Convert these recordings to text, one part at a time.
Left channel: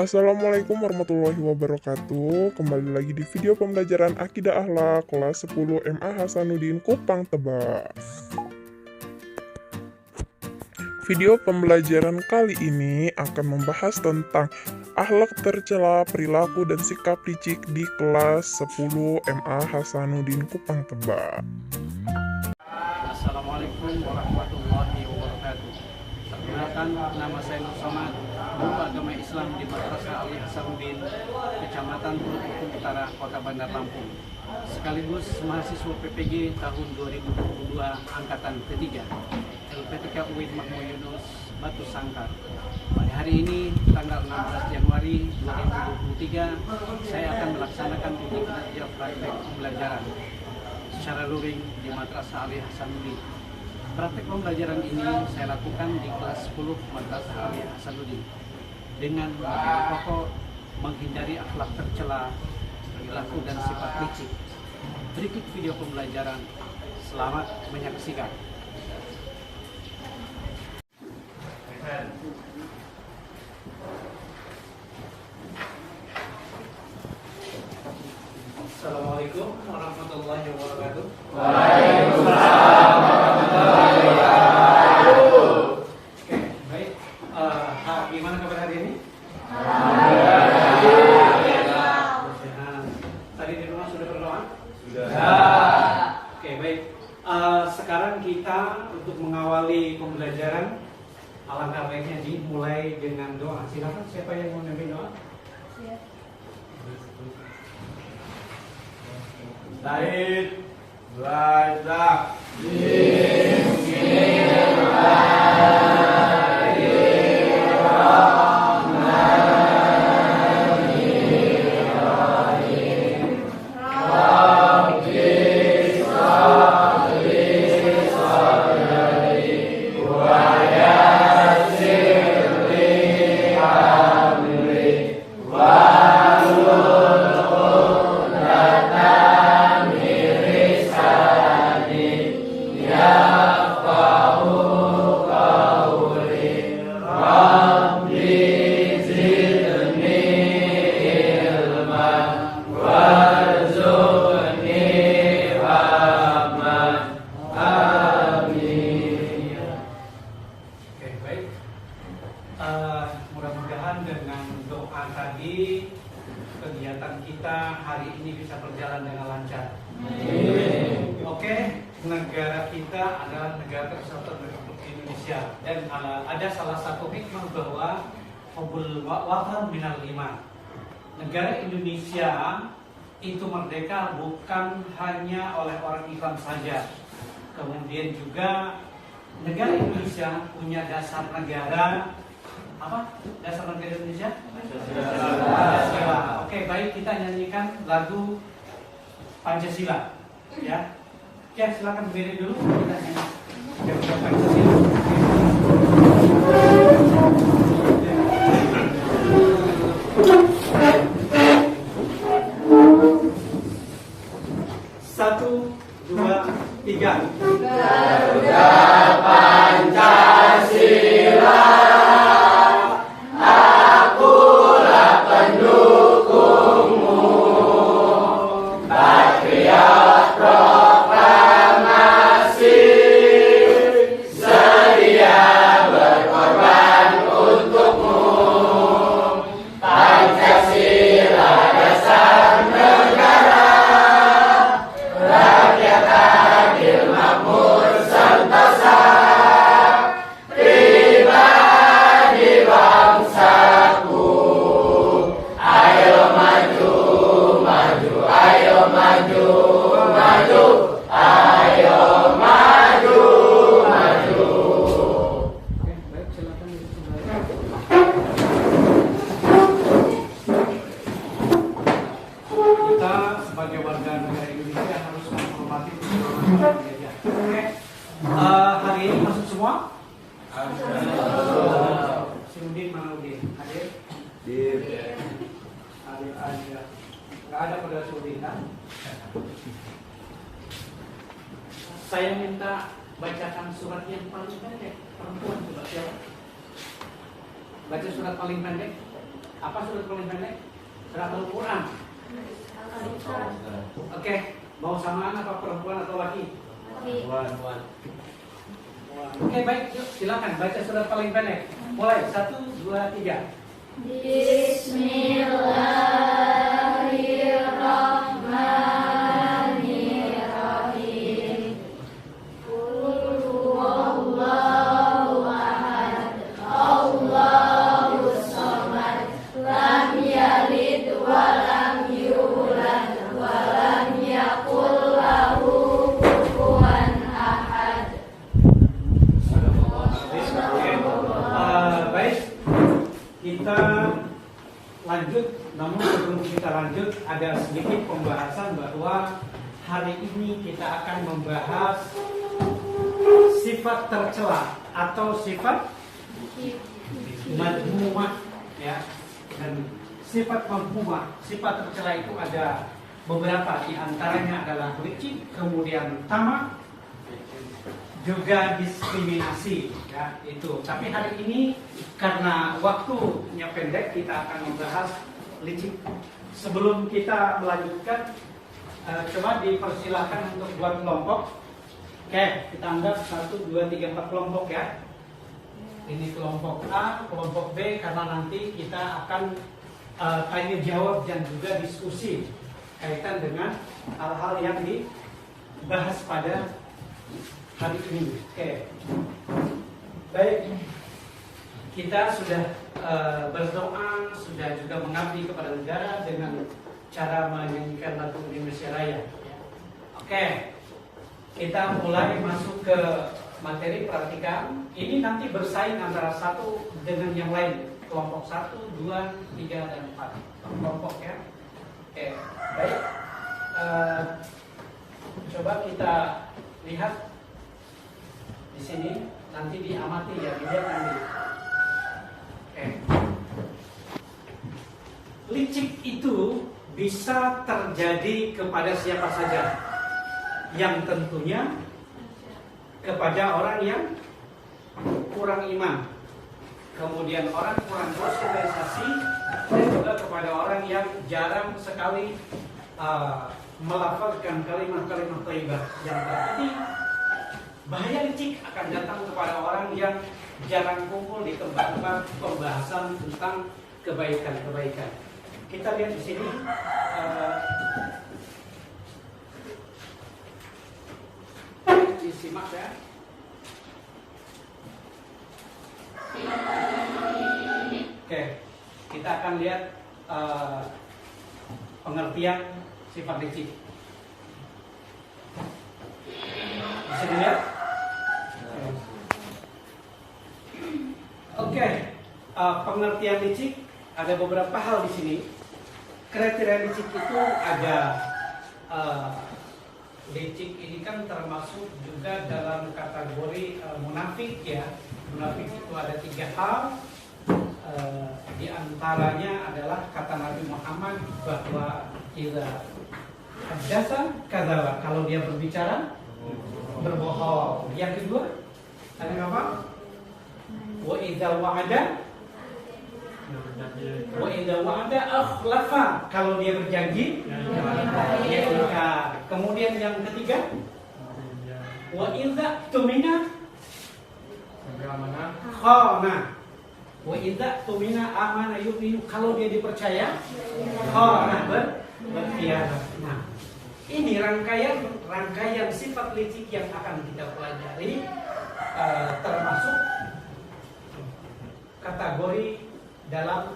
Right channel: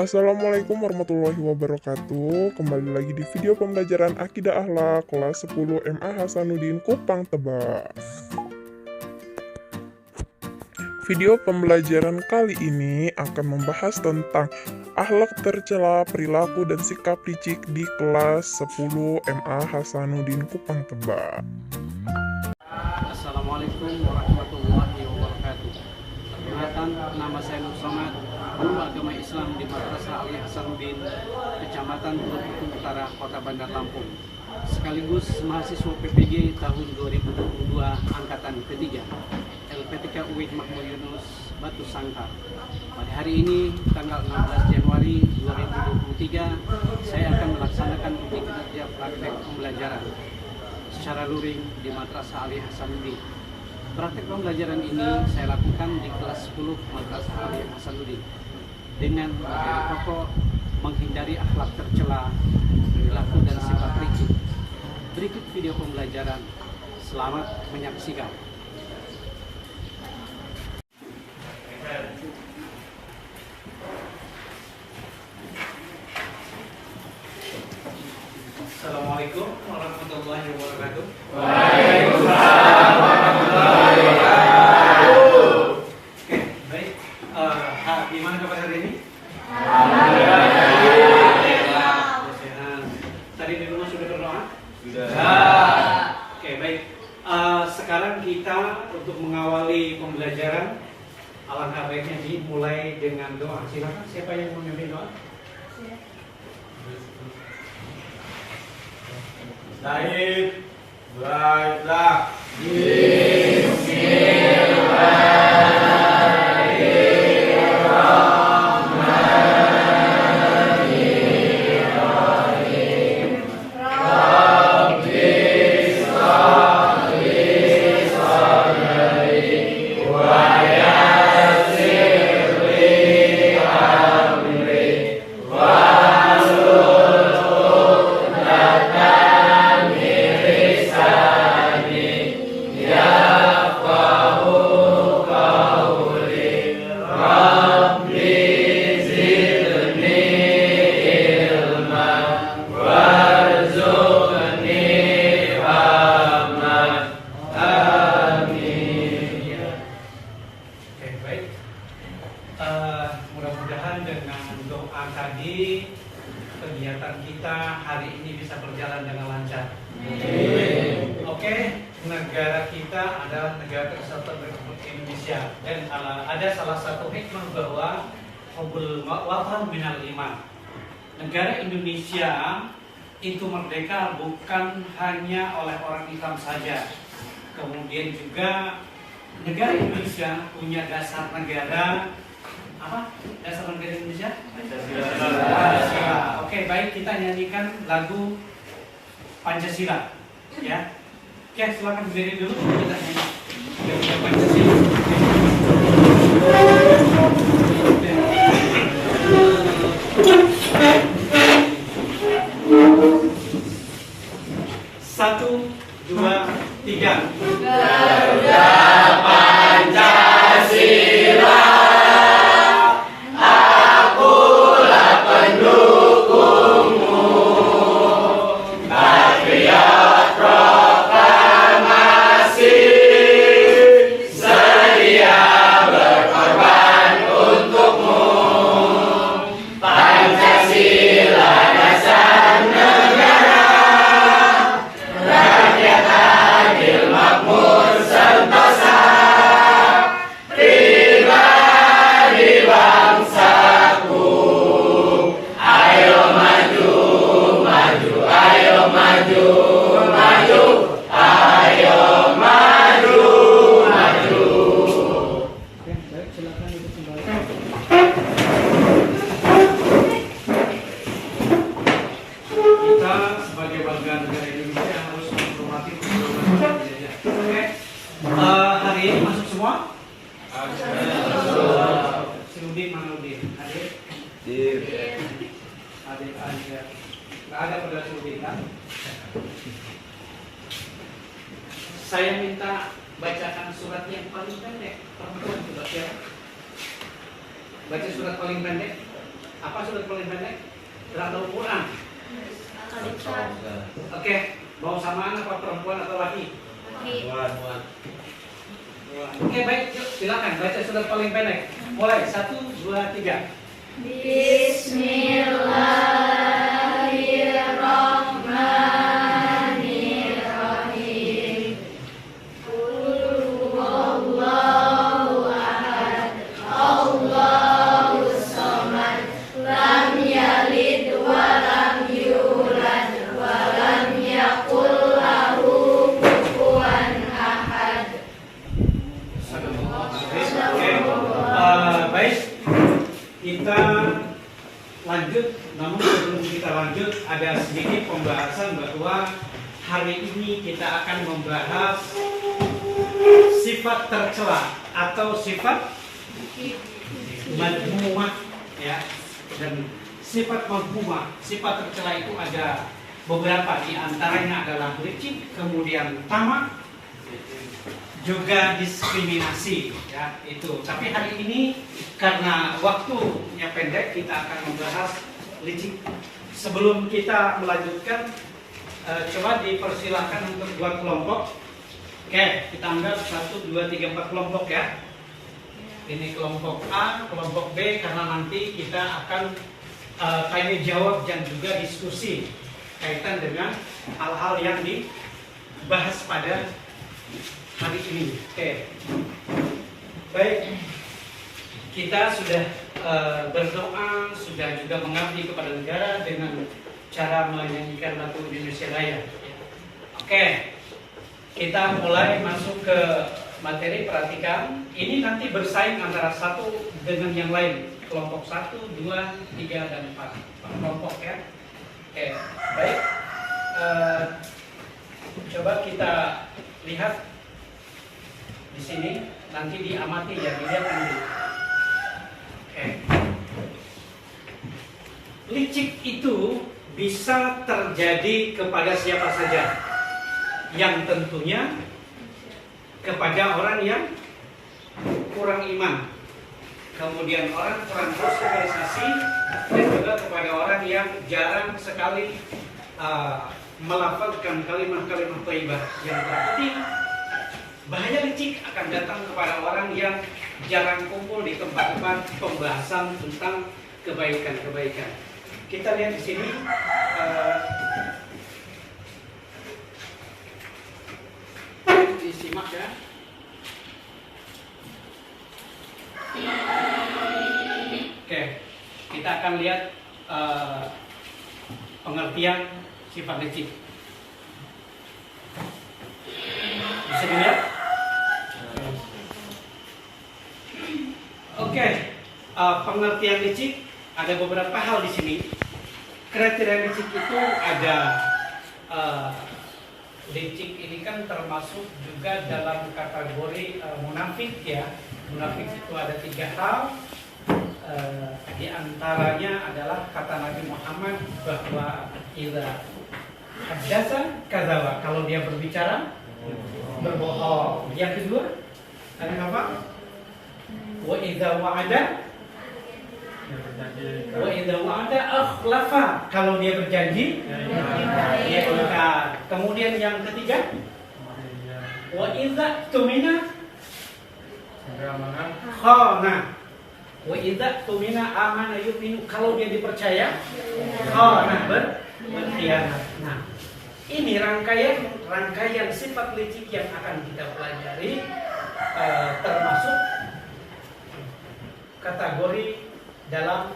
Assalamualaikum warahmatullahi wabarakatuh. Kembali lagi di video pembelajaran Akidah Akhlak kelas 10 MA Hasanuddin Kupang Tebas. Video pembelajaran kali ini akan membahas tentang akhlak tercela, perilaku dan sikap licik di kelas 10 MA Hasanuddin Kupang Tebas. Assalamualaikum warahmatullahi wabarakatuh. Perkenalkan, nama saya Nur Somad, guru agama Islam di Madrasah Ali Hasanuddin, Kecamatan Teluk Betung Utara, Kota Bandar Lampung. Sekaligus mahasiswa PPG tahun 2022 angkatan ketiga, LPTK UIN Mahmud Yunus, Batu Sangkar. Pada hari ini, tanggal 16 Januari 2023, saya akan melaksanakan uji kinerja praktek pembelajaran secara luring di Madrasah Ali Hasanuddin. Praktek pembelajaran ini saya lakukan di kelas 10 Madrasah Ali Hasanuddin dengan materi pokok menghindari akhlak tercela, perilaku dan sifat licik. Berikut video pembelajaran. Selamat menyaksikan. Assalamualaikum warahmatullahi wabarakatuh. Waalaikumsalam warahmatullahi wabarakatuh. Oke, baik. Gimana kabar hari ini? Alhamdulillah. Tadi di rumah sudah berdoa? Sudah. Oke, baik. Sekarang kita untuk mengawali pembelajaran, alangkah baiknya dimulai dengan doa. Silakan, siapa yang mau memimpin doa? Baik, baiklah. Mudah-mudahan dengan doa tadi kegiatan kita hari ini bisa berjalan dengan lancar. Oke, negara kita adalah negara kesatuan Republik Indonesia dan ada salah satu hikmah bahwa hubbul watan minal iman. Negara Indonesia itu merdeka bukan hanya oleh orang Islam saja. Kemudian juga negara Indonesia punya dasar negara. Apa? Dasar negara Indonesia? Pancasila. Oke, baik, kita nyanyikan lagu Pancasila. Ya. Oke, silakan berdiri dulu kita nyanyi lagu Pancasila. Satu, dua, tiga. Garuda Pancasila. Saya minta bacakan surat yang paling pendek. Perempuan coba siapa? Baca surat paling pendek. Apa surat paling pendek? Surat Al-Quran. Oke, mau samaan apa perempuan atau laki? Oke, baik, yuk silakan baca surat paling pendek. Mulai 1, 2, 3. Bismillahirrahmanirrahim. Qul huwallahu ahad, Allahus samad, lam yalid wa lam yulad wa lam yakul lahu kufuwan ahad. Baik, kita lanjut. Namun sebelum kita lanjut, ada sedikit pembahasan bahwa hari ini kita akan membahas sifat tercela atau sifat madhumah, ya. Dan sifat madhumah, sifat tercela itu ada beberapa, di antaranya adalah licik, kemudian tamak, juga diskriminasi, ya itu. Tapi hari ini karena waktunya pendek, kita akan membahas licik. Sebelum kita melanjutkan, coba dipersilahkan untuk buat kelompok. Oke, kita anggap 1, 2, 3, 4 kelompok ya. Ini kelompok A, kelompok B, karena nanti kita akan tanya jawab dan juga diskusi kaitan dengan hal-hal yang dibahas pada hari ini. Oke, baik, kita sudah berdoa, sudah juga mengabdi kepada negara dengan cara menyanyikan lagu Indonesia Raya. Oke, kita mulai masuk ke materi. Perhatikan, ini nanti bersaing antara satu dengan yang lain. Kelompok 1, 2, 3, dan 4 kelompok ya. Oke, baik. Coba kita lihat di sini, nanti diamati ya, dilihat nanti. Oke. Licik itu bisa terjadi kepada siapa saja, yang tentunya kepada orang yang kurang iman, kemudian orang kurang bersosialisasi, dan juga kepada orang yang jarang sekali melafazkan kalimat-kalimat thayyibah. Yang terpenting, bahaya licik akan datang kepada orang yang jarang kumpul di tempat-tempat pembahasan tentang kebaikan-kebaikan. Kita lihat di sini, disimak ya. Oke, kita akan lihat pengertian sifat licik. Bisa dilihat? Oke, pengertian licik ada beberapa hal di sini. Kriteria licik itu ada, licik ini kan termasuk juga dalam kategori munafik ya. Munafik itu ada 3 hal. Di antaranya adalah kata Nabi Muhammad bahwa idza haddatsa kadzaba, kalau dia berbicara berbohong. Yang kedua ada apa? Wa idza wa'ada akhlafa, kalau dia berjanji dia ingkar. Kemudian yang ketiga, wa idza tumina khana, wa idza tumina amana yu'minu, kalau dia dipercaya khana, berkhianat. Nah, ini rangkaian sifat licik yang akan kita pelajari, termasuk kategori dalam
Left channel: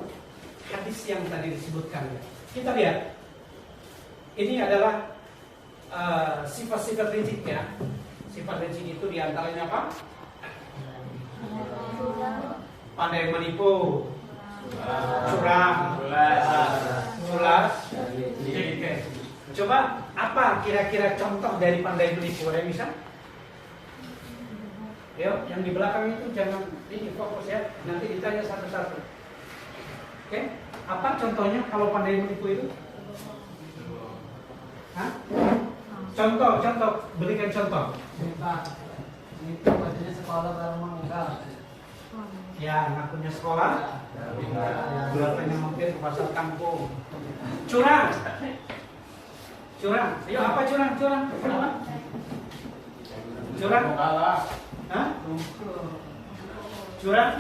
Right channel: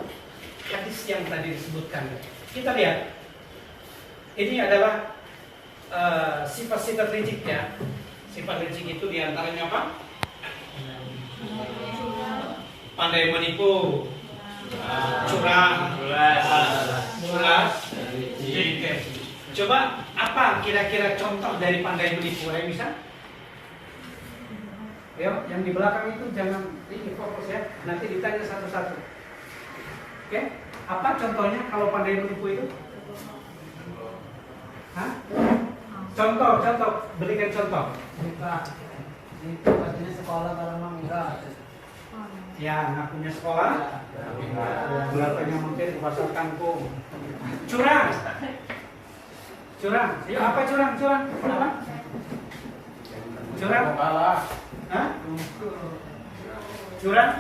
hadis yang tadi disebutkan. Kita lihat, ini adalah sifat-sifat licik ya. Sifat licik itu diantaranya apa? Pandai menipu, curang, mulas. Coba apa kira-kira contoh dari pandai menipu? Ada yang bisa? Yo, yang di belakang itu jangan ini fokus ya. Nanti ditanya satu-satu. Oke, apa contohnya kalau pandai menipu itu? Hah? Contoh, berikan contoh. Itu pastinya sekolah kalau memang enggak. Ya, nggak punya sekolah. Ya, berapanya mungkin pasar kangkung. Curang. Curang. Ayo apa curang? Curang. Apa? Curang. Hah? Curang.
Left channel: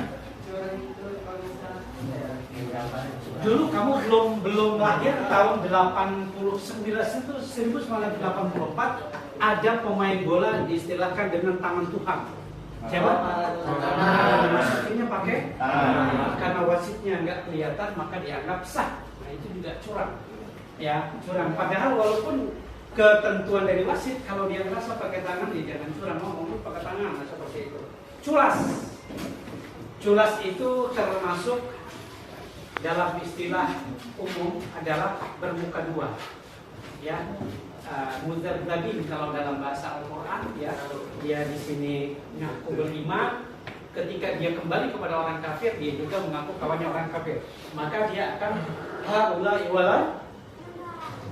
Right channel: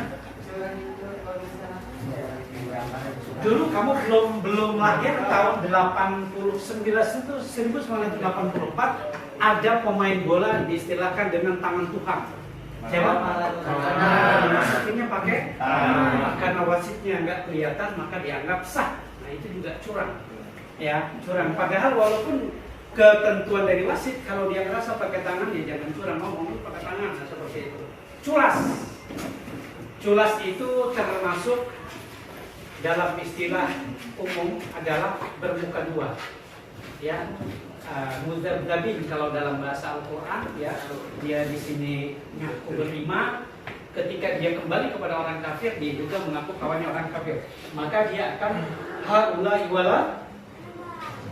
Dulu kamu belum lahir tahun 1984 ada pemain bola diistilahkan dengan tangan Tuhan. Siapa? Dimasukinnya pakai karena wasitnya nggak kelihatan maka dianggap sah. Nah itu juga curang. Ya curang. Padahal walaupun ketentuan dari wasit kalau dia ngerasa pakai tangan ya jangan curang, ngomong pakai tangan, nah, seperti itu. Culas. Culas itu termasuk dalam istilah umum adalah bermuka dua. Ya, mudzabzabin kalau dalam bahasa Al-Quran ya, dia di sini ngaku beriman, ketika dia kembali kepada orang kafir dia juga mengaku kawannya orang kafir, maka dia akan haula iwala,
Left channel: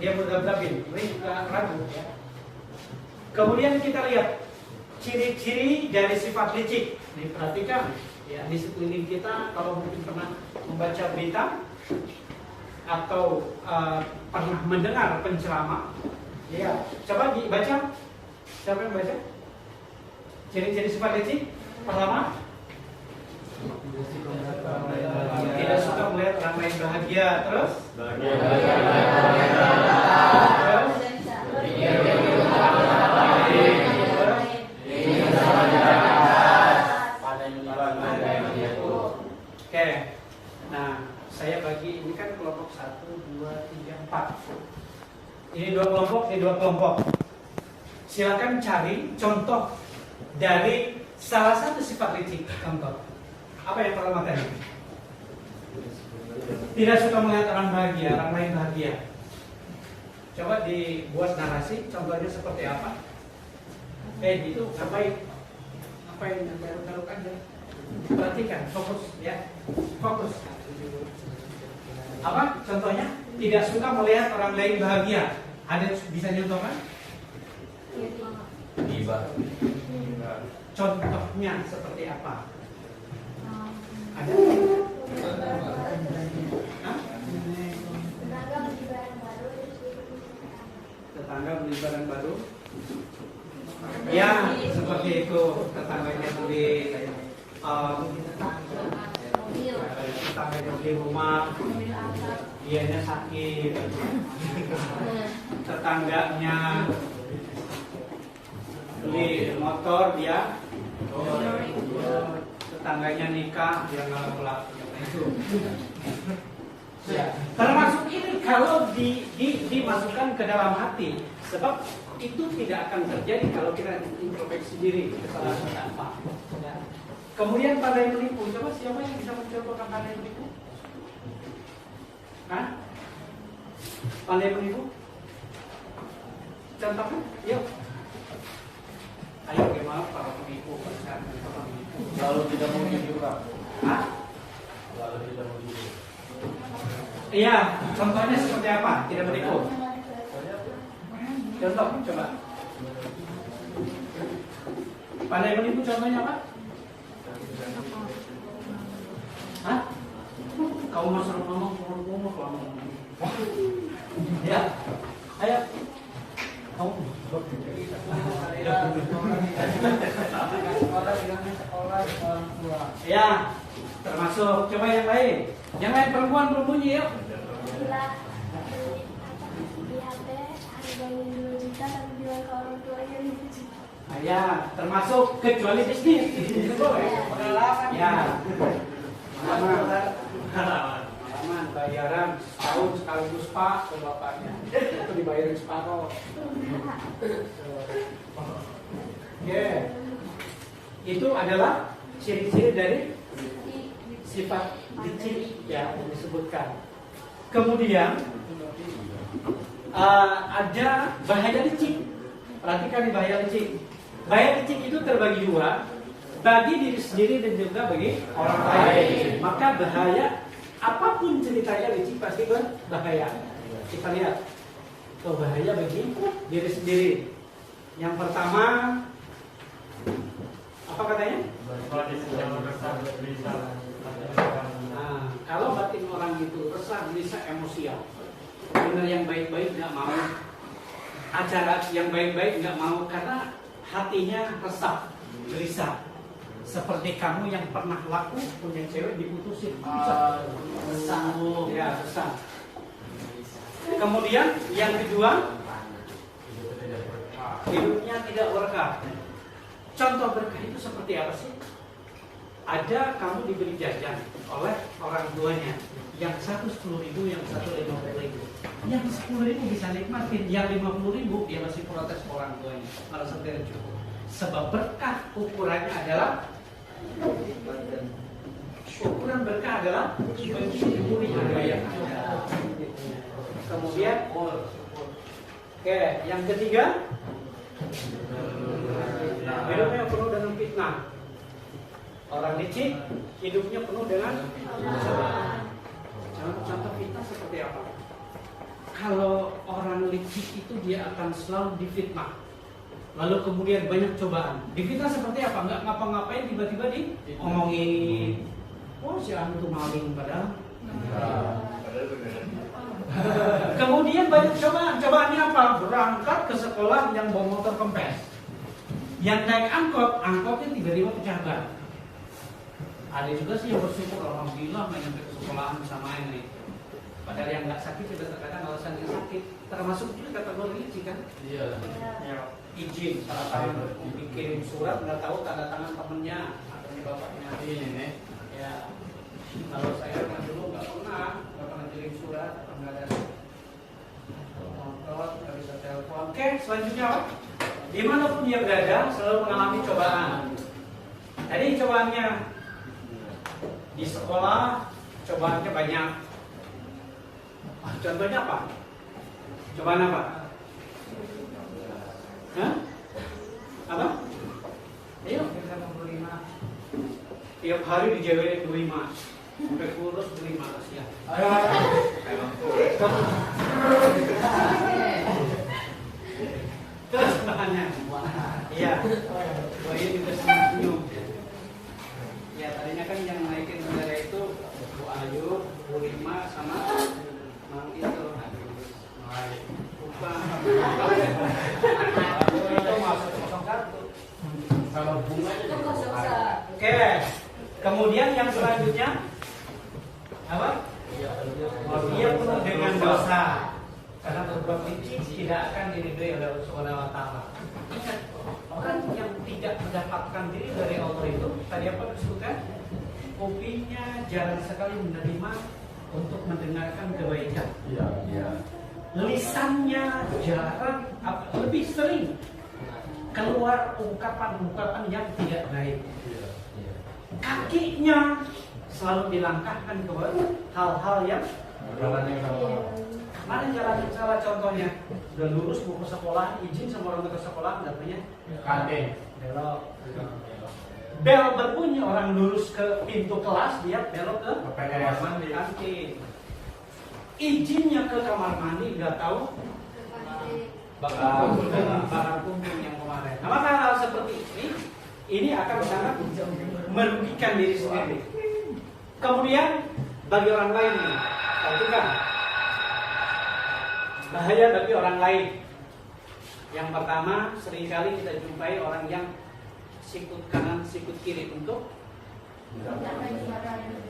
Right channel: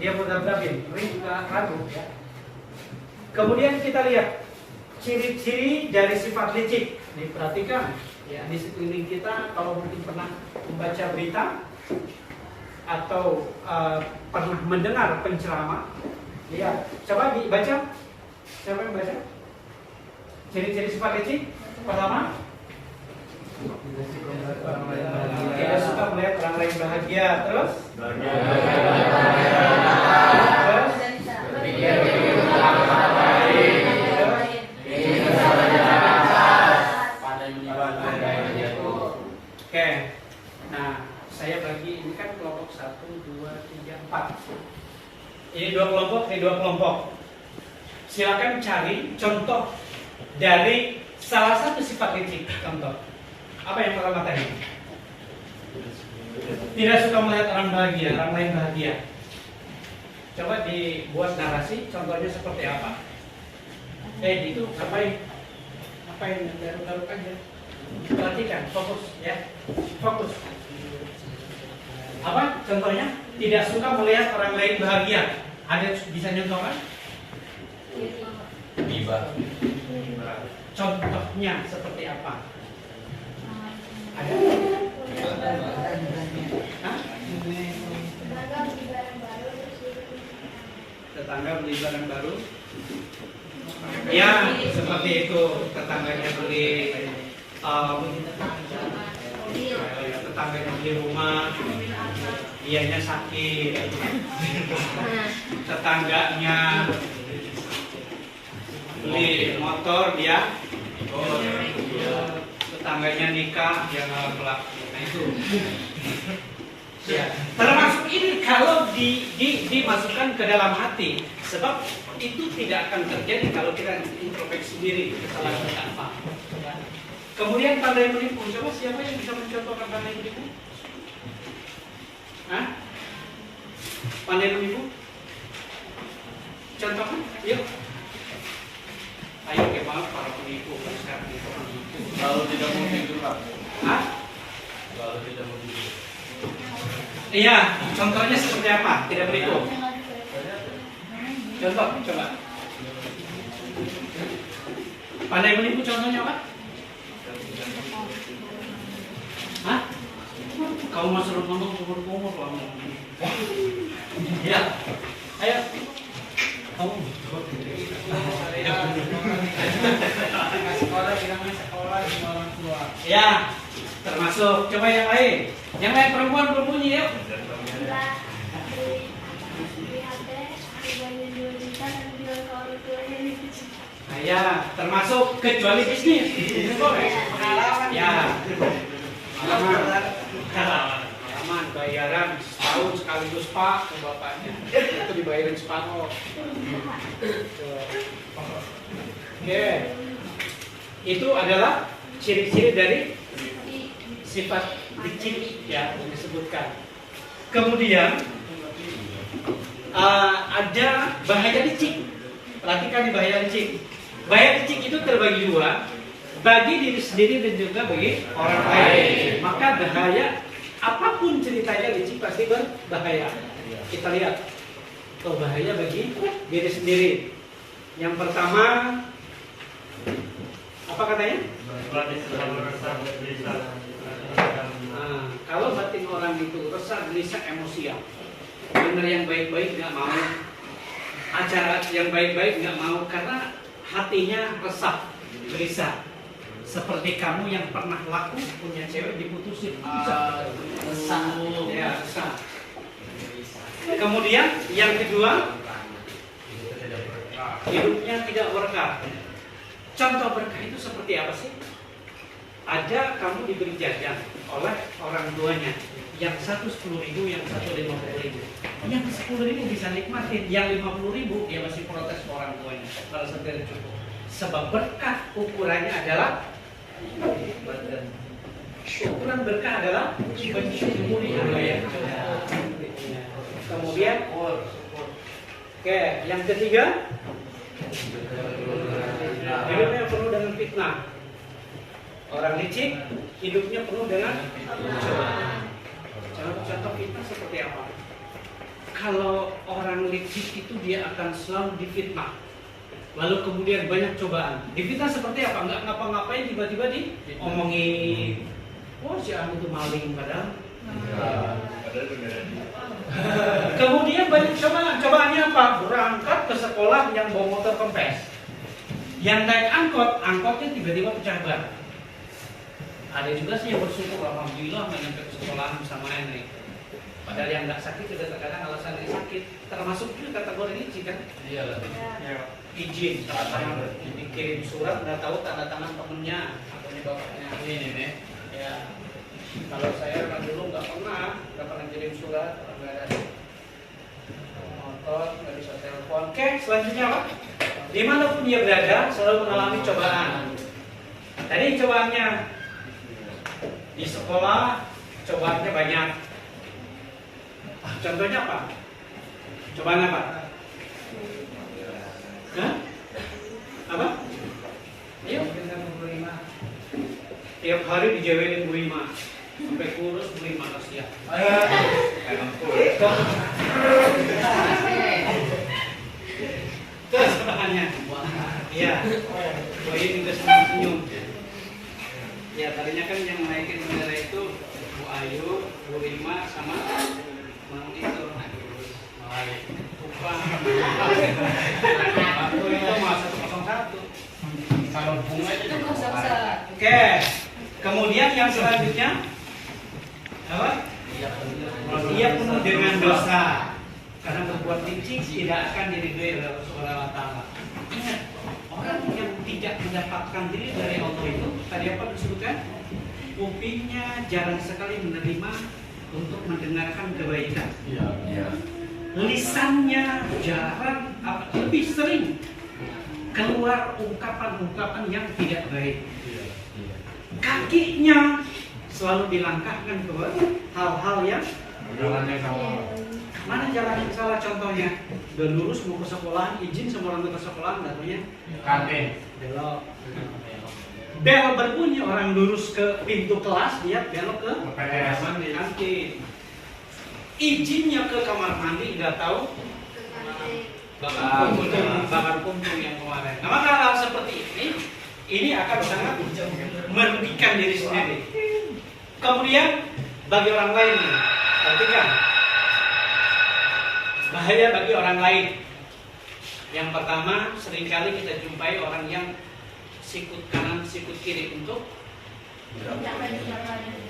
dia mudzabzabin, ragu ya. Kemudian kita lihat ciri-ciri dari sifat licik. Diperhatikan ya, di sekeliling kita kalau mungkin pernah membaca berita atau pernah mendengar penceramah, ya coba dibaca. Siapa yang baca? Ciri-ciri sifat licik. Pertama, tidak suka melihat orang lain bahagia. Terus, Oke, nah saya bagi ini kan kelompok 1, 2, 3, 4. Ini dua kelompok. Silakan cari contoh dari salah satu sifat licik. Contoh, apa yang pertama tadi? Tidak suka melihat orang lain bahagia. Coba dibuat narasi, contohnya seperti apa? Itu sampai apa yang garuk-garuk aja. Perhatikan, fokus ya, fokus. Apa contohnya? Tidak suka melihat orang lain bahagia. Ada bisa nyontohkan? Contohnya seperti apa? Ada? Hah? Tetangga beli barang baru. Ya, seperti itu. Tetangganya beli tetangganya beli rumah, dianya sakit. Tetangganya beli motor, dia tetangganya nikah, dia ngelak. Nah itu. Ya, termasuk ini kalau dimasukkan ke dalam hati, sebab itu tidak akan terjadi kalau kita introspeksi diri kesalahan kita apa. Ya. Kemudian pandai menipu, coba siapa yang bisa mencontohkan pandai menipu? Hah? Pandai menipu? Contohnya, yuk. Ayo gimana para penipu sekarang penipu. Lalu tidak mau tidur, Pak. Hah? Lalu tidak mau tidur. Iya, contohnya seperti apa? Tidak menipu. Contoh, coba. Pandai menipu contohnya apa? Hah? Kau masih ngomong kumur-kumur lama. Ya, ayo. Kamu sekolah orang tua. Ya, termasuk. Coba yang lain. Yang lain perempuan berbunyi ya. Nah, ya, termasuk kecuali bisnis. Ini boleh. Pengalaman. Ya. Pengalaman bayaran setahun sekaligus Pak ke bapaknya. Itu dibayarin separuh. Oke. Itu adalah ciri-ciri dari sifat licik ya yang disebutkan. Kemudian ada bahaya licik. Perhatikan di bahaya licik. Bahaya licik itu terbagi dua, bagi diri sendiri dan juga bagi orang lain. Maka bahaya, apapun ceritanya licik pasti berbahaya. Kita lihat, bahaya bagi diri sendiri. Yang pertama, Apa katanya? Nah, kalau batin orang itu resah, gelisah, emosian, dengar yang baik-baik nggak mau, acara yang baik-baik nggak mau karena hatinya resah, gelisah. Seperti kamu yang pernah laku punya cewek diputusin, resah, ya resah. Kemudian yang kedua, hidupnya tidak berkah. Contoh berkah itu seperti apa sih? Ada kamu diberi jajan oleh orang tuanya, yang satu 10.000, yang satu 15.000. Yang 10.000 bisa nikmatin, yang 50.000 dia masih protes ke orang tuanya. Merasa tidak cukup. Sebab berkah ukurannya adalah ukuran berkah adalah mencuri yang ada. Kemudian, oke, yang ketiga, hidupnya penuh dengan fitnah. Orang licik, hidupnya penuh dengan contoh fitnah seperti apa? Kalau orang licik itu dia akan selalu difitnah. Lalu kemudian banyak cobaan. Difitnah seperti apa? Nggak ngapa-ngapain tiba-tiba diomongin. Oh si anu tuh maling padahal. Kemudian banyak cobaan. Cobaannya apa? Berangkat ke sekolah yang bawa motor kempes. Yang naik angkot, angkotnya tiba-tiba pecah ban. Ada juga sih yang bersyukur, alhamdulillah nggak nyampe ke sekolahan sama ini. Padahal yang nggak sakit juga terkadang alasan ini sakit. Termasuk juga kategori licik kan? Iya lah. Ya, izin tanda tangan, dikirim surat nggak tahu tanda tangan temennya atau bapaknya. Ini nih. Ya. Kalau saya kan dulu nggak pernah kirim surat, nggak ada motor, nggak bisa telepon. Oke, selanjutnya apa? Dimanapun dia berada, selalu mengalami cobaan. Tadi cobaannya di sekolah, cobaannya banyak. Contohnya apa? Cobaan apa? Hah? Apa? Ayo, tiap hari dijewerin Bu Ima, sampai kurus Bu Ima kasihan. Terus bahannya, iya, Bu ini udah senyum. Ya tadinya kan yang naikin bendera itu Bu Ayu, Bu Rima sama Mang itu. Bukan. Itu masa 101. Kalau bunga itu 01. Oke. Kemudian yang selanjutnya apa? Dia penuh dengan dosa. Karena berbuat licik tidak akan diridhoi oleh Allah Taala. Ingat, orang yang tidak mendapatkan diri dari Allah itu tadi apa disebutkan? Kupingnya jarang sekali menerima untuk mendengarkan kebaikan. Lisannya jarang, lebih sering keluar ungkapan-ungkapan yang tidak baik. Kakinya selalu dilangkahkan ke hal-hal yang mana jalan yang salah. Contohnya udah lurus mau ke sekolahan, izin sama orang tua sekolahan, katanya kantin belok. Bel berbunyi, orang lurus ke pintu kelas, dia belok ke kamar mandi, kantin. Izinnya ke kamar mandi nggak tahu bakar puntung yang kemarin. Nah, maka hal seperti ini akan sangat merugikan diri sendiri. Kemudian bagi orang lain, perhatikan bahaya bagi orang lain. Yang pertama, seringkali kita jumpai orang yang sikut kanan, sikut kiri untuk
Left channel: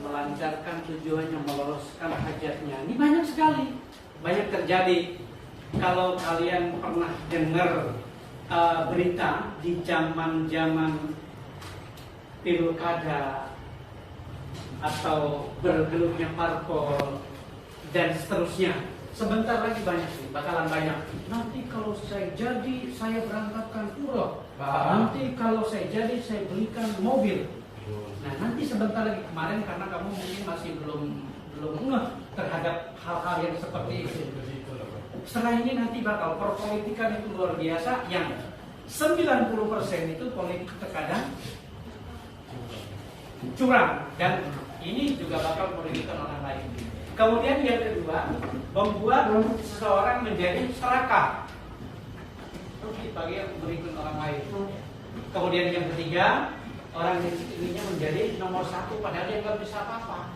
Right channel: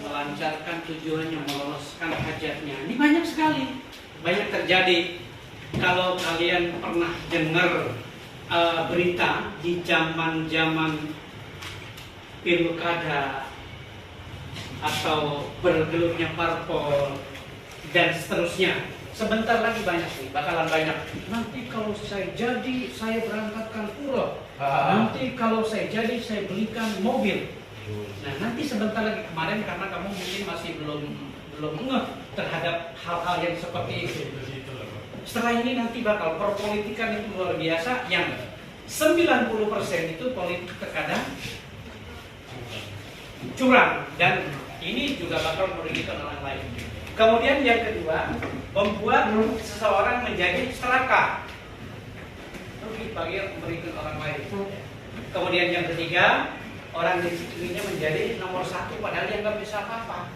melancarkan tujuannya, meloloskan hajatnya. Ini banyak sekali, banyak terjadi. Kalau kalian pernah dengar berita di zaman-zaman pilkada atau bergelutnya parpol dan seterusnya, sebentar lagi banyak sih, bakalan banyak. Nanti kalau saya jadi, saya berangkatkan umroh. Nanti kalau saya jadi, saya belikan mobil. Nah nanti sebentar lagi, kemarin karena kamu mungkin masih belum ngeh terhadap hal-hal yang seperti itu. Setelah ini nanti bakal perpolitikan itu luar biasa, yang 90% itu politik terkadang curang, dan ini juga bakal merugikan orang lain. Kemudian yang kedua, membuat seseorang menjadi serakah, rugi bagi merugikan orang lain. Kemudian yang ketiga, orang licik inginnya menjadi nomor satu, padahal dia nggak bisa apa-apa.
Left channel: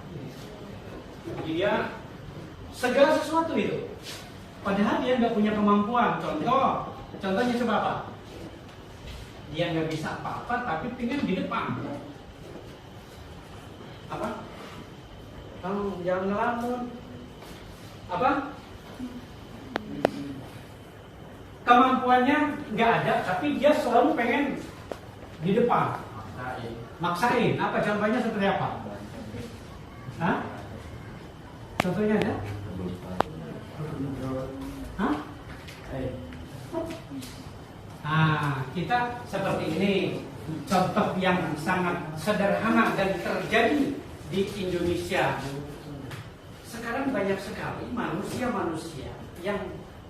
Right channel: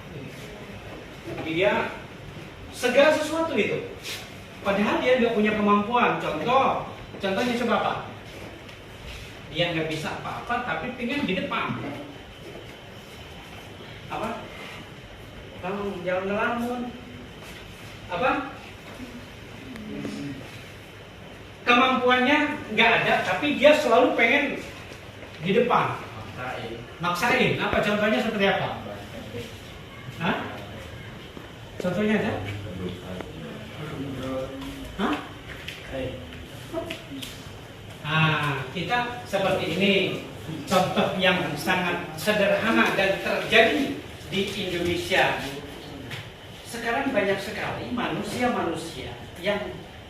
Dia segala sesuatu itu, padahal dia nggak punya kemampuan. Contohnya coba apa? Dia nggak bisa apa-apa, tapi pengen di depan. Apa? Kamu jangan ngelamun. Apa? Kemampuannya nggak ada, tapi dia selalu pengen di depan. Maksain. Apa contohnya seperti apa? Hah? Contohnya ada? Hah? Kita seperti ini. Contoh yang sangat sederhana dan terjadi di Indonesia. Sekarang banyak sekali manusia-manusia yang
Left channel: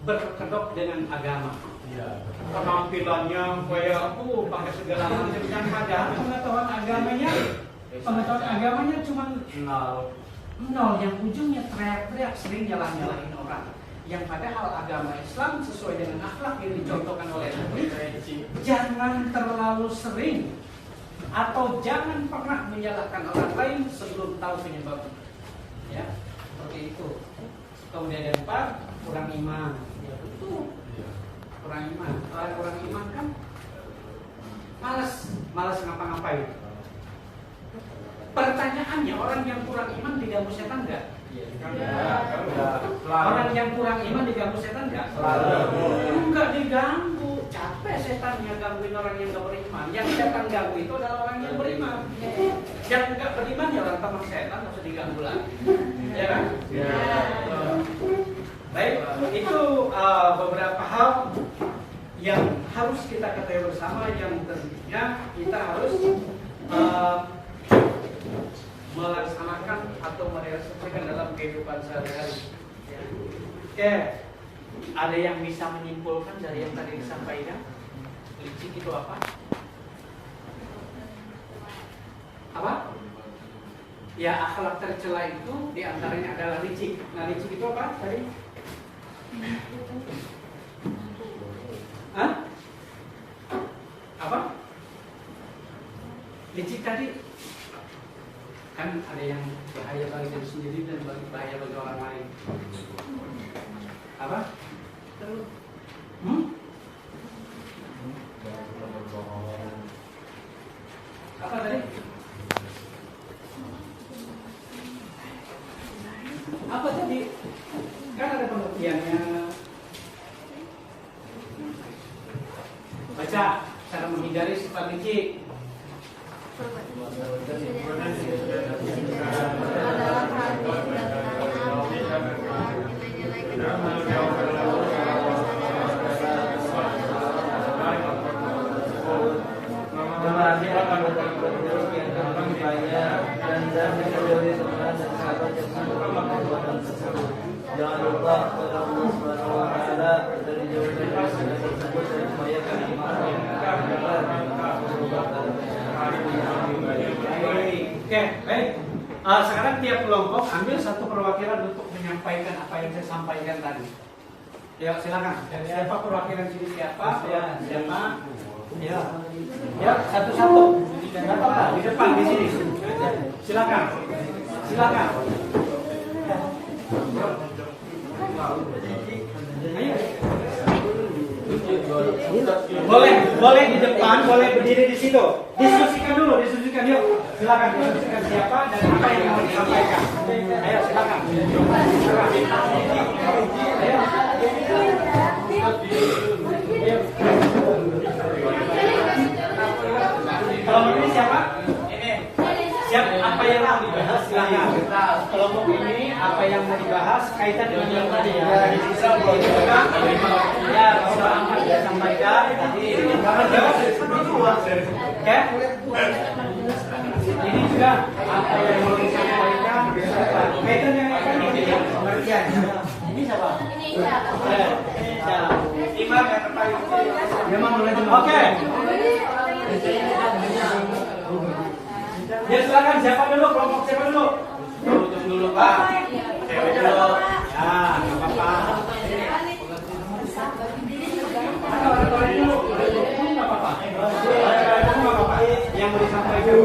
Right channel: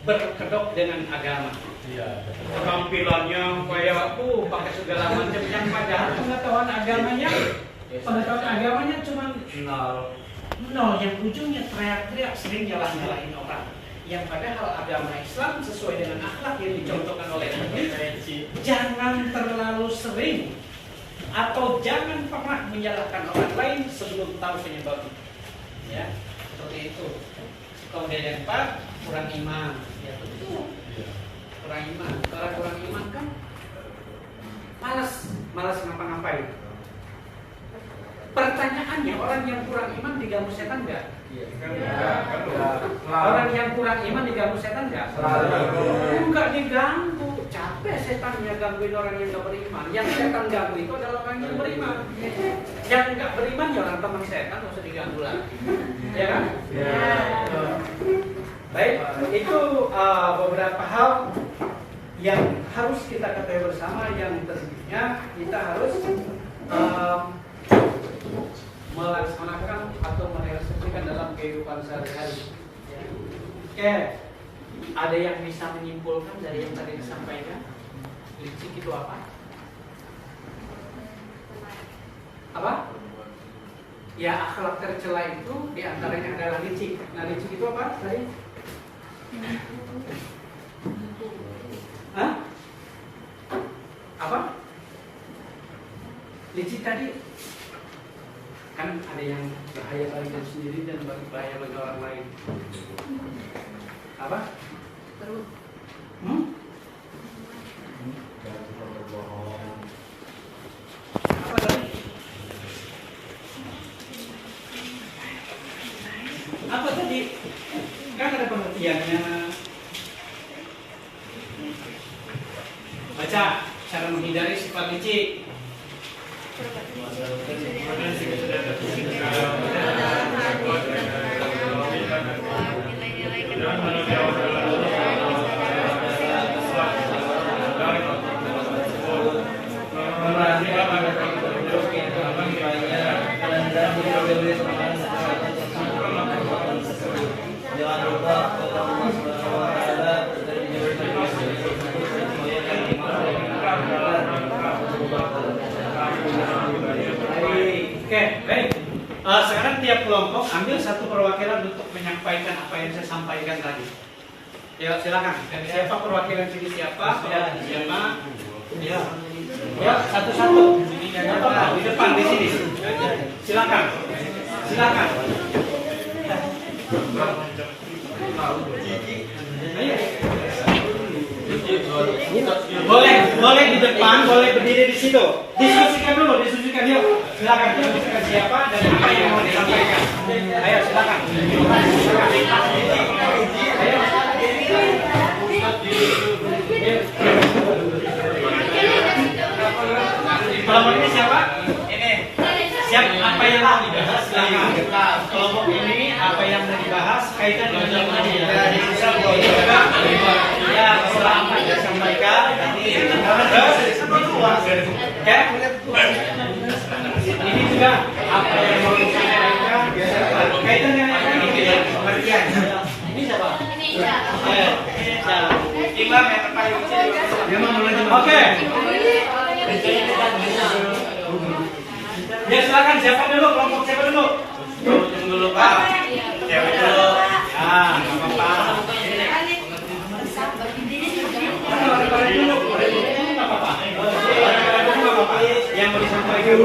berkedok dengan agama. Penampilannya kayak pakai segala macam yang padahal pengetahuan agamanya cuma nol, yang ujungnya teriak-teriak, sering nyalahin orang. Yang padahal agama Islam sesuai dengan akhlak yang dicontohkan oleh Nabi, jangan terlalu sering atau jangan pernah menyalahkan orang lain sebelum tahu penyebabnya. Ya, seperti itu. Kemudian yang keempat, kurang iman. Ya betul. Kurang iman. Kalau kurang iman kan malas ngapa-ngapain. Pertanyaannya, orang yang kurang iman diganggu setan enggak? Orang yang kurang iman diganggu setan enggak? Enggak diganggu. Capek setannya gangguin orang yang enggak beriman. Yang setan ganggu itu adalah orang yang beriman. Yang enggak beriman ya orang teman setan, enggak usah diganggu lagi. Ya kan? Baik, itu beberapa hal yang harus kita ketahui bersama, yang tentunya kita harus melaksanakan atau merealisasikan dalam kehidupan sehari-hari. Oke, ada yang bisa menyimpulkan dari yang tadi disampaikan? Licik itu apa? Apa? Ya, akhlak tercela itu diantaranya adalah licik. Nah, licik itu apa tadi? Hah? Apa? Licik tadi kan ada yang bahaya bagi diri sendiri dan bahaya bagi orang lain. Apa? Apa tadi? Apa tadi? Kan ada pengertiannya. Baca cara menghindari sifat licik. Jangan lupa kepada Allah Subhanahu wa taala dari Oke, baik. Sekarang tiap kelompok ambil satu perwakilan untuk menyampaikan apa yang saya sampaikan tadi. Ya, silakan. Siapa perwakilan sini? Siapa? Ya, siapa? Ya. Ya, satu-satu. Apa? Di depan di sini. Silakan. Silakan. Ayo. Boleh di depan, boleh berdiri di situ. Diskusikan dulu, diskusikan yuk. Silakan diskusikan siapa dan apa yang mau disampaikan. Ayo silakan. Ayo. Kelompok ini siapa? Ini. Siap, apa yang mau dibahas? Silakan. Kelompok ini apa yang mau dibahas kaitan dengan yang tadi ya. Ya, silahkan disampaikan. Ini juga apa yang mau disampaikan kaitan dengan apa ini? Pengertian. Ini siapa? Imam yang terpaling. Oke. Ya silakan, siapa dulu, kelompok siapa dulu? Dulu Pak. Siapa dulu? Ya, nggak apa-apa. Yang mau disampaikan Oke,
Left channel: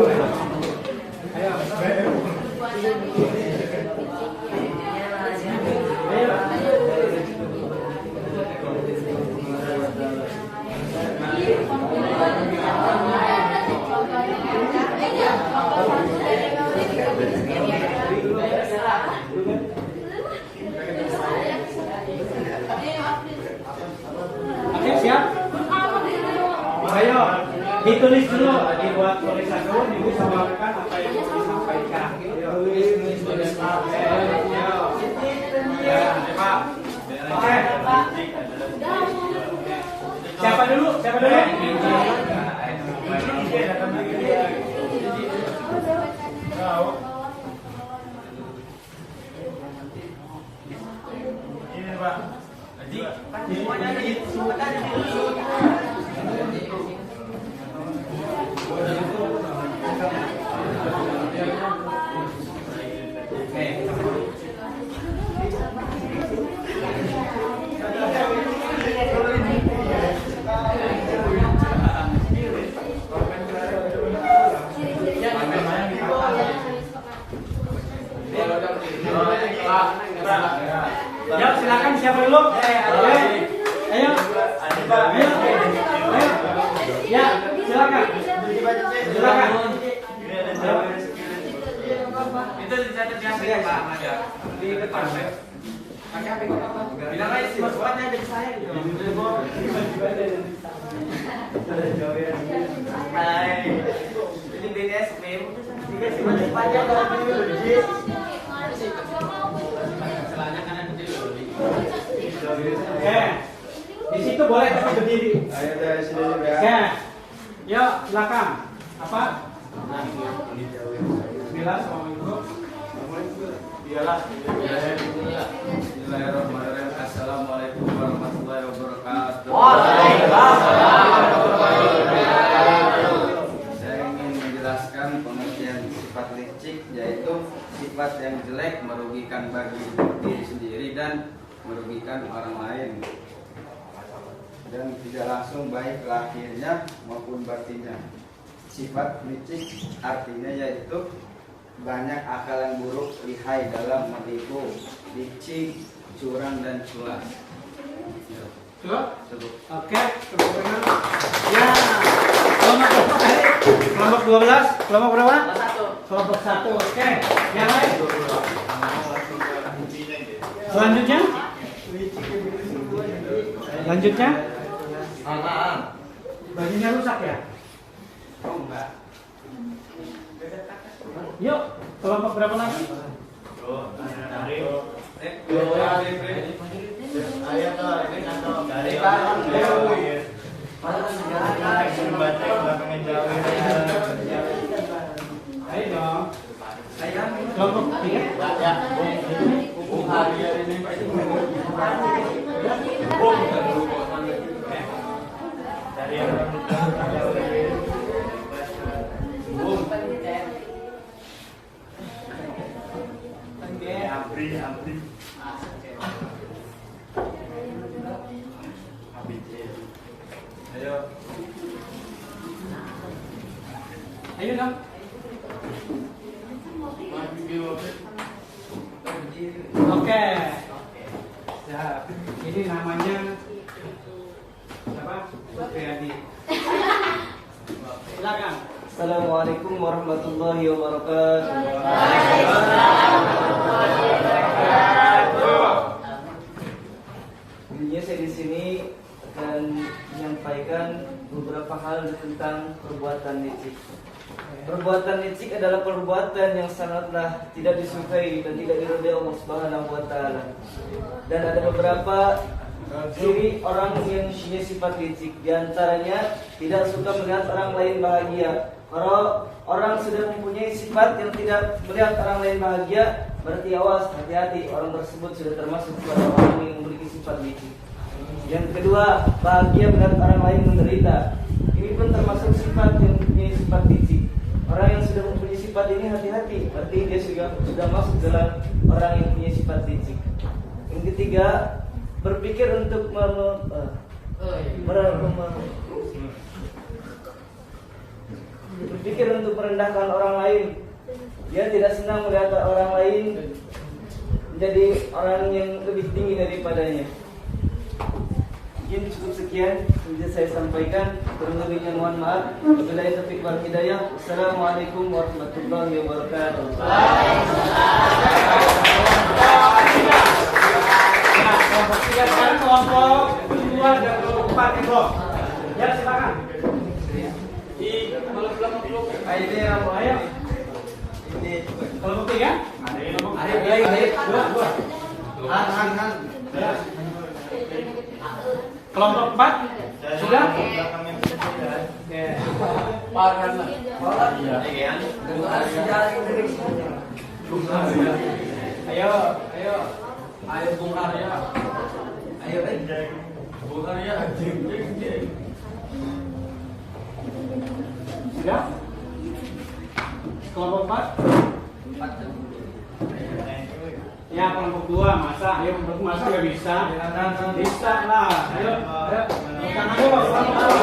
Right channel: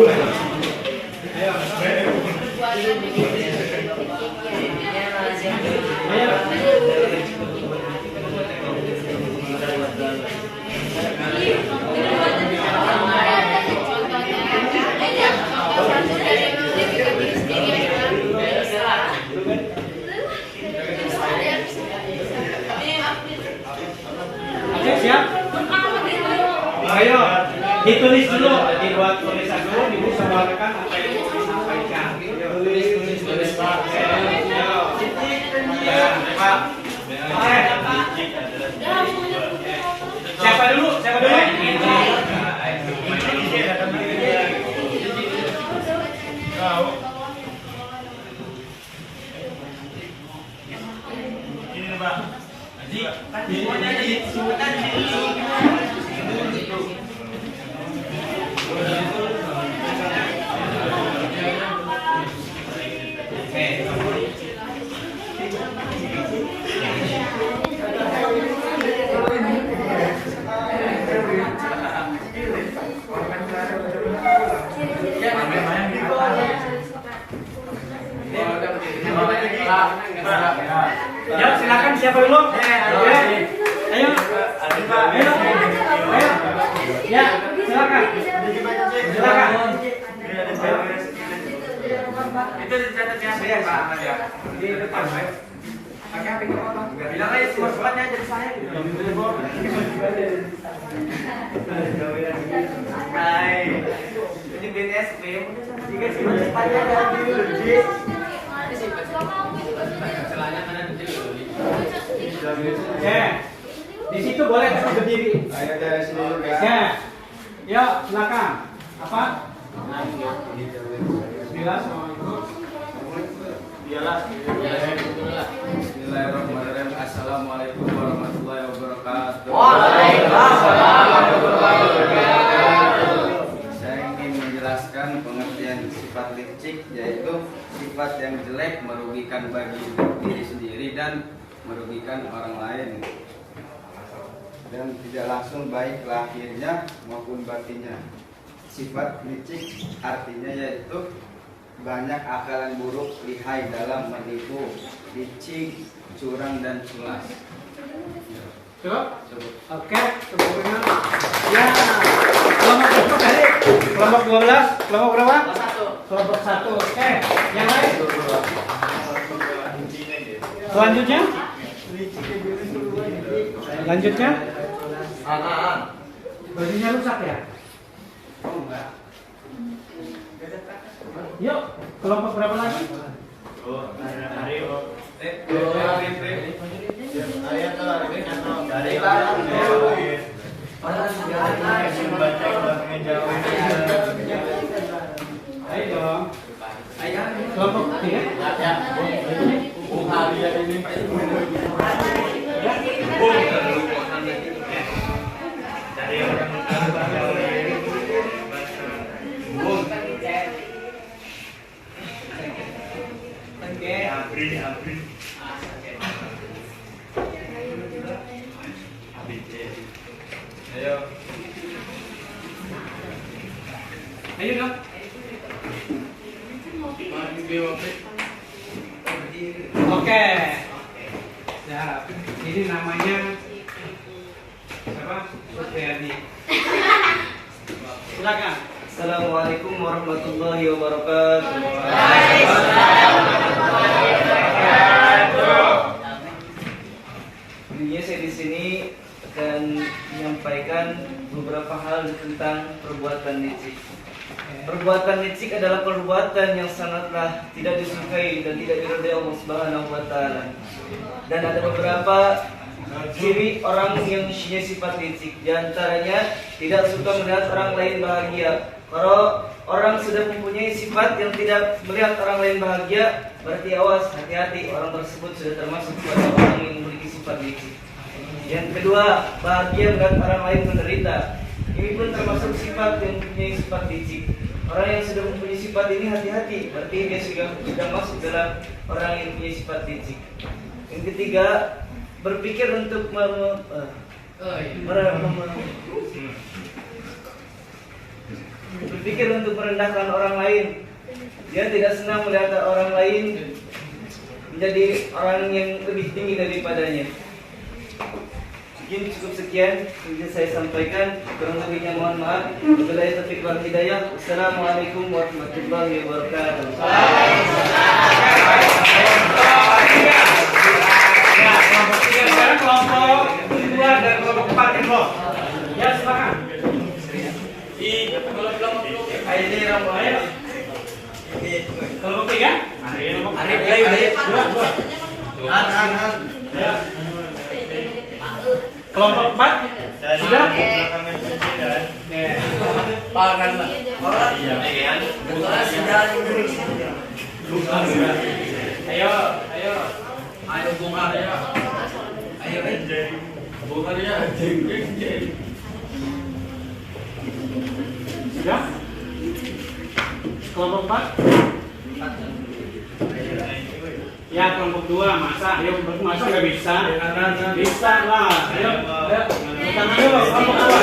siap? Ayo, ditulis dulu, dibuat tulisan dulu, ibu sebarkan apa yang mau disampaikan. Tulis. Ya, Pak. Oke. Siapa dulu? Ini Pak. Ya, silakan siapa dulu? Ayo. Ya, silakan. Itu dicatat ya, Pak. Di depan, Pak. Pakai HP itu apa? Bilang aja semua-semuanya jadi saya gitu. Hai. Ini BNSP. Tiga semuanya ada di Oke. Di situ boleh tapi berdiri. Ayo dari sini juga. Ya. Yuk, silakan. Apa? Bismillah, Assalamualaikum. Bismillahirrahmanirrahim. Assalamualaikum warahmatullahi wabarakatuh. Waalaikumsalam warahmatullahi wabarakatuh. Saya ingin menjelaskan pengertian sifat licik, yaitu sifat yang jelek merugikan bagi diri sendiri dan merugikan orang lain, dan tidak langsung baik lahirnya maupun batinnya. Sifat licik artinya yaitu banyak akalan buruk, lihai dalam menipu, licik, curang dan culas. Cukup? Oke, kemudian. Ya. Kelompok berapa kali? Kelompok 12, kelompok berapa? Kelompok 1. Oke, yang lain? Selanjutnya? Bajunya rusak ya? Oh enggak. Yuk, kelompok berapa lagi? Ayo dong. Kelompok Ayo. Ayo dong. Oke. Siap. Ini namanya apa? Supriyadi. Silakan. Assalamualaikum warahmatullahi wabarakatuh. Intinya saya di sini akan menyampaikan beberapa hal tentang perbuatan licik. Perbuatan licik adalah perbuatan yang sangatlah tidak disukai dan tidak diridhai Allah Subhanahu wa taala. Dan ada beberapa ciri orang yang punya sifat licik. Di antaranya tidak suka melihat orang lain bahagia. Kalau orang sudah mempunyai sifat yang tidak melihat orang lain bahagia, berarti awas, hati-hati, orang tersebut sudah termasuk pada orang yang memiliki sifat licik. Yang kedua, bahagia melihat orang lain menderita. Ini pun termasuk sifat yang mempunyai sifat licik. Orang yang sudah mempunyai sifat ini hati-hati, berarti dia sudah masuk dalam orang yang mempunyai sifat licik. Yang ketiga, berpikir untuk berpikir untuk merendahkan orang lain. Dia tidak senang melihat orang lain menjadi orang yang lebih tinggi daripadanya. Mungkin cukup sekian yang bisa saya sampaikan. Kurang lebihnya mohon maaf. Wabillahi taufiq wal hidayah. Wassalamualaikum warahmatullahi wabarakatuh. Nah, kelompok 3 sekarang kelompok 2 dan kelompok 4 kelompok. Ya, silakan. Ayo. Kelompok 3? Dua. Ya. Kelompok 4? Sudah? Ayo. Sudah? Kelompok 4? Ya, kelompok 2 masa, ayo masa nggak bisa? Bisa lah, ayo. Tangan dulu, kelompok 2.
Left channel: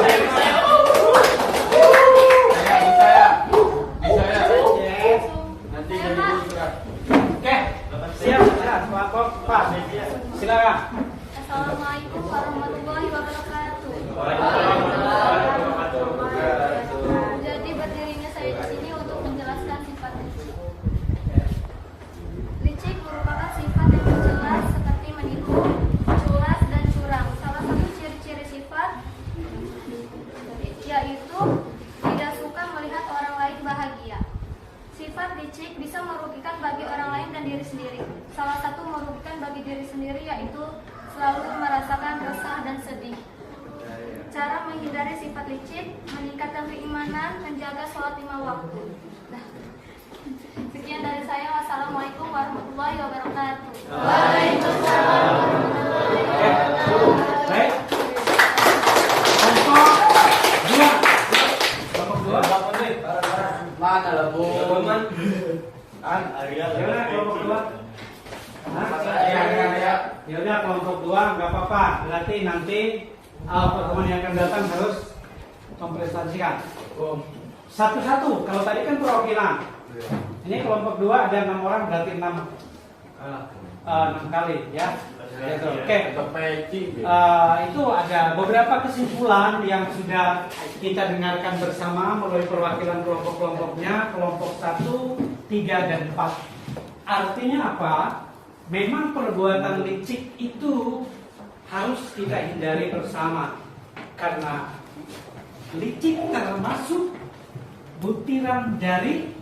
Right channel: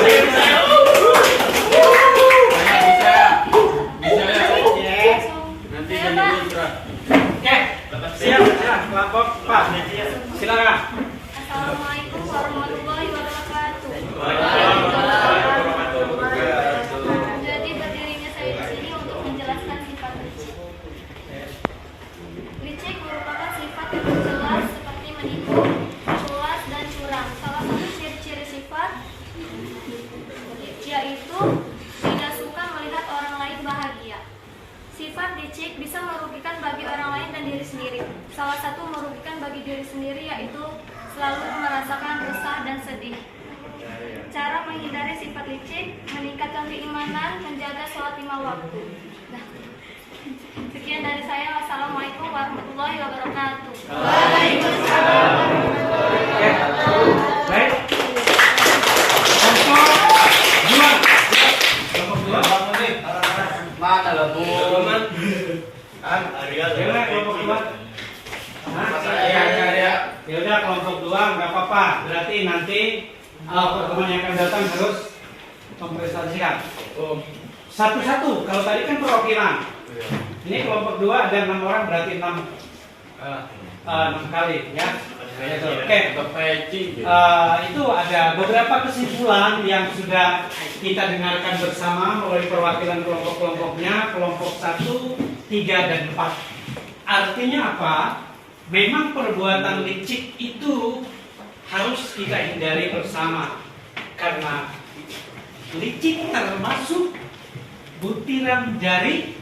Nanti jadi dulu surat. Oke, siap, kelompok 4. Silakan. Assalamualaikum warahmatullahi wabarakatuh. Jadi berdirinya saya di sini untuk menjelaskan sifat licik. Licik merupakan sifat yang jelas seperti menipu, culas, dan curang. Salah satu ciri-ciri sifat yaitu tidak suka melihat orang lain bahagia. Sifat licik bisa merugikan bagi orang lain dan diri sendiri. Salah satu merugikan bagi diri sendiri yaitu selalu merasakan resah dan sedih. Cara menghindari sifat licik, meningkatkan keimanan, menjaga sholat 5 waktu. Nah, sekian dari saya. Wassalamualaikum warahmatullahi wabarakatuh. Waalaikumsalam. Baik. Kelompok 2. Kelompok 2. Mana lah bu? Ya, kelompok 2. Ya udah, kelompok 2 nggak apa-apa. Berarti nanti pertemuan yang akan datang harus mempresentasikan satu-satu. Kalau tadi kan perwakilan. Ini kelompok 2 ada 6 orang, berarti 6 kali ya. Oke. Itu ada beberapa kesimpulan yang sudah kita dengarkan bersama melalui perwakilan kelompok-kelompoknya, kelompok 1, 3, dan 4. Artinya apa? Memang perbuatan licik itu harus kita hindari bersama, karena licik termasuk butiran dari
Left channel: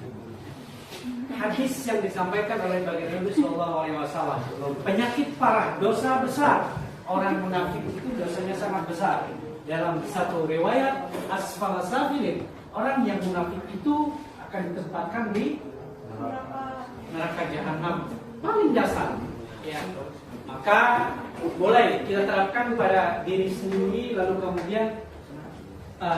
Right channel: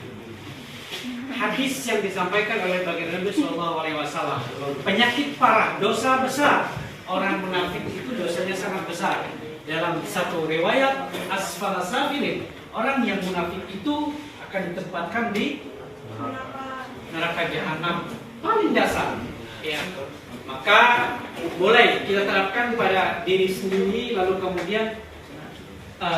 hadis yang disampaikan oleh baginda Nabi SAW. Penyakit parah, dosa besar. Orang munafik itu dosanya sangat besar. Dalam satu riwayat asfala safilin, orang yang munafik itu akan ditempatkan di neraka jahanam paling dasar. Ya. Maka boleh kita terapkan pada diri sendiri, lalu kemudian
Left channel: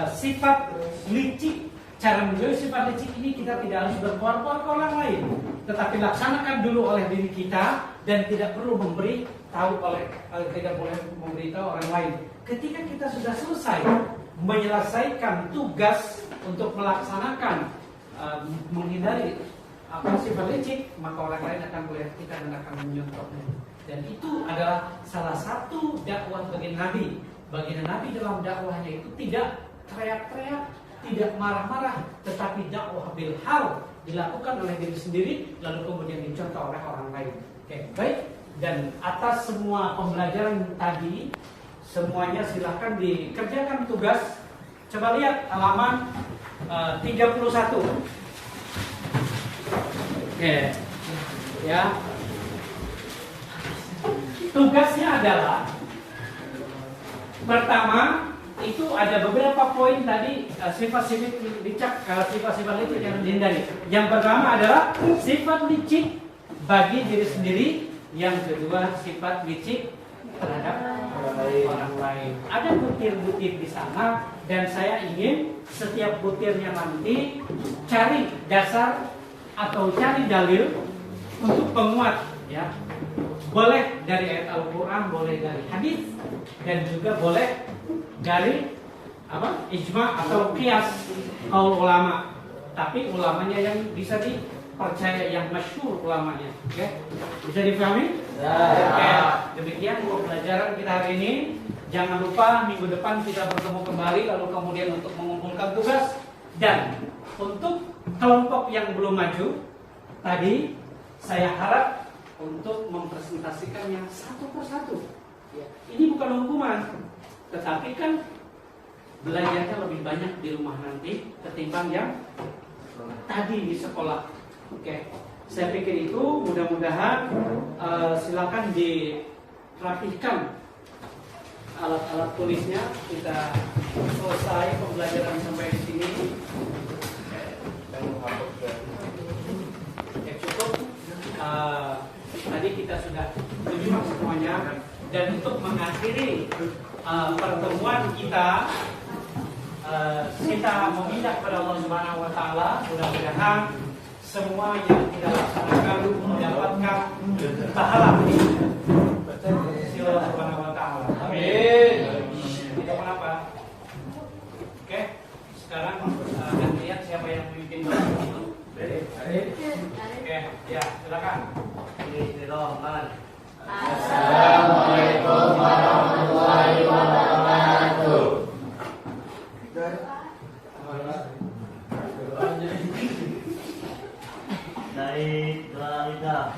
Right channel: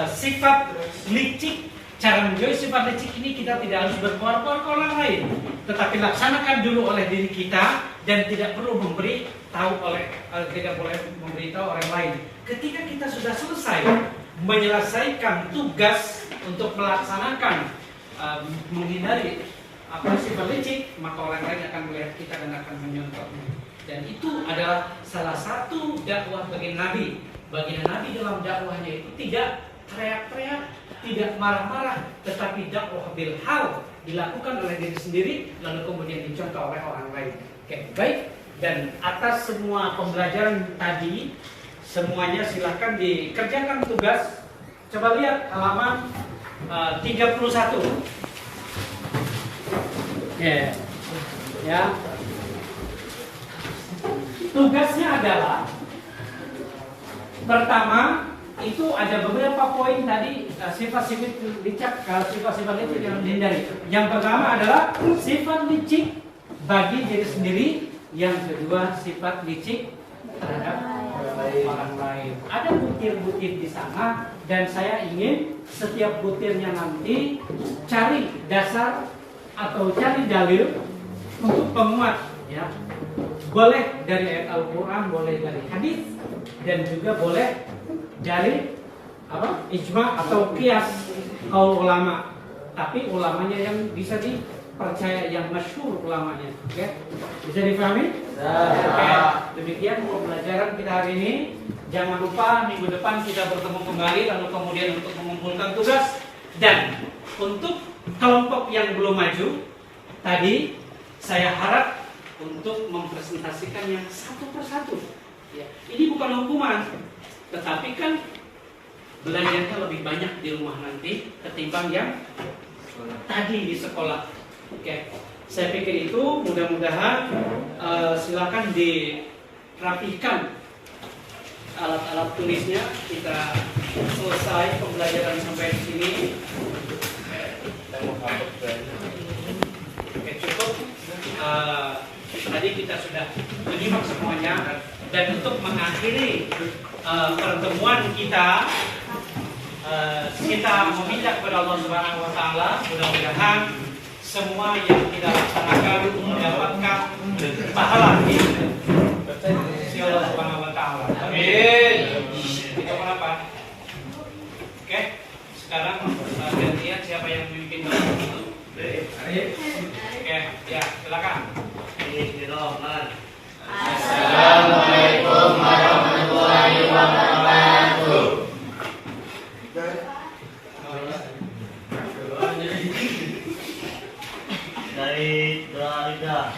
sifat licik. Cara menjauhi sifat licik ini kita tidak harus berbuat-buat ke orang lain, tetapi laksanakan dulu oleh diri kita dan tidak perlu tidak boleh memberitahu orang lain. Ketika kita sudah selesai menyelesaikan tugas untuk melaksanakan menghindari sifat licik, maka orang lain akan melihat kita dan akan menyontohnya. Dan itu adalah salah satu dakwah baginda Nabi. Baginda Nabi dalam dakwahnya itu tidak teriak-teriak, tidak marah-marah, tetapi dakwah bil hal dilakukan oleh diri sendiri, lalu kemudian dicontoh oleh orang lain. Oke, baik. Dan atas semua pembelajaran tadi, semuanya silahkan dikerjakan tugas. Coba lihat halaman 31. Oke, ya. Tugasnya adalah pertama, itu ada beberapa poin tadi, sifat-sifat licik yang dihindari. Yang pertama adalah sifat licik bagi diri sendiri. Yang kedua, sifat licik terhadap orang lain. Ada butir-butir di sana, dan saya ingin setiap butirnya nanti cari dasar atau cari dalil untuk penguat, ya. Boleh dari ayat Al-Quran, boleh dari hadis, dan juga boleh dari ijma atau qiyas kaul ulama. tapi ulamanya yang bisa dipercaya, yang masyhur ulamanya. Oke? Bisa dipahami? Oke. Demikian pembelajaran kita hari ini. Jangan lupa minggu depan kita bertemu kembali, lalu kemudian untuk mengumpulkan tugas dan untuk kelompok yang belum maju tadi saya harap untuk mempresentasikannya satu persatu. Ya, ini bukan hukuman, tetapi kan belajarnya lebih banyak di rumah nanti ketimbang yang tadi di sekolah. Oke, saya pikir itu mudah-mudahan silakan dirapihkan alat-alat tulisnya. Kita selesai pembelajaran sampai di sini. Oke, cukup. Tadi kita sudah menyimak semuanya, dan untuk mengakhiri pertemuan kita, kita meminta kepada Allah Subhanahu Wa Taala mudah-mudahan semua yang kita laksanakan mendapatkan pahala. Si Allah Subhanahu Wa Taala. Amin. Tidak apa-apa. Oke, sekarang gantian siapa yang bikin itu? Oke, ya silakan. Assalamualaikum warahmatullahi wabarakatuh. Dari doa kita.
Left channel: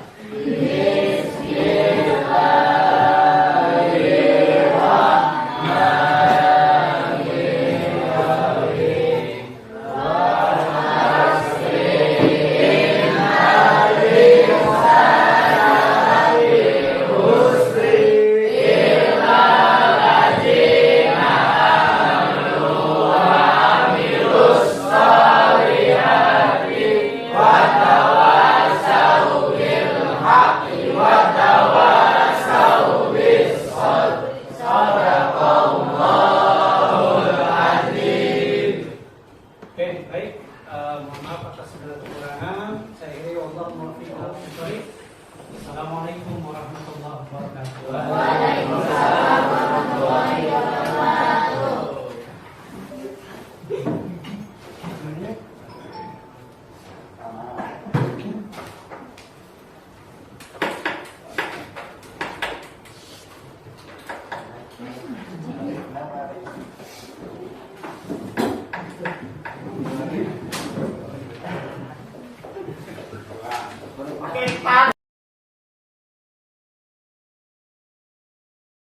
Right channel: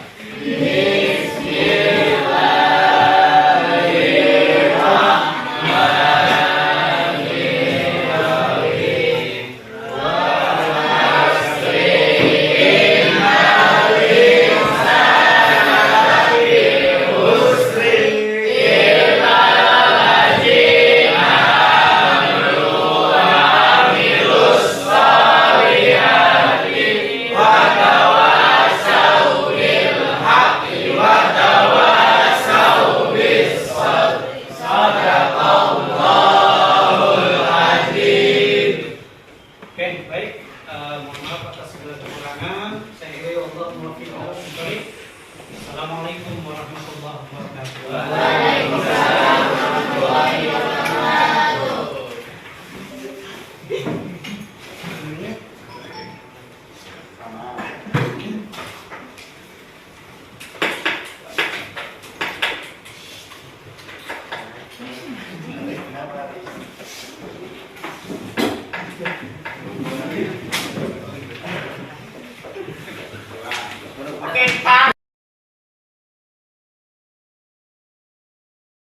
Assalamualaikum warahmatullahi wabarakatuh. Waalaikumsalam warahmatullahi wabarakatuh.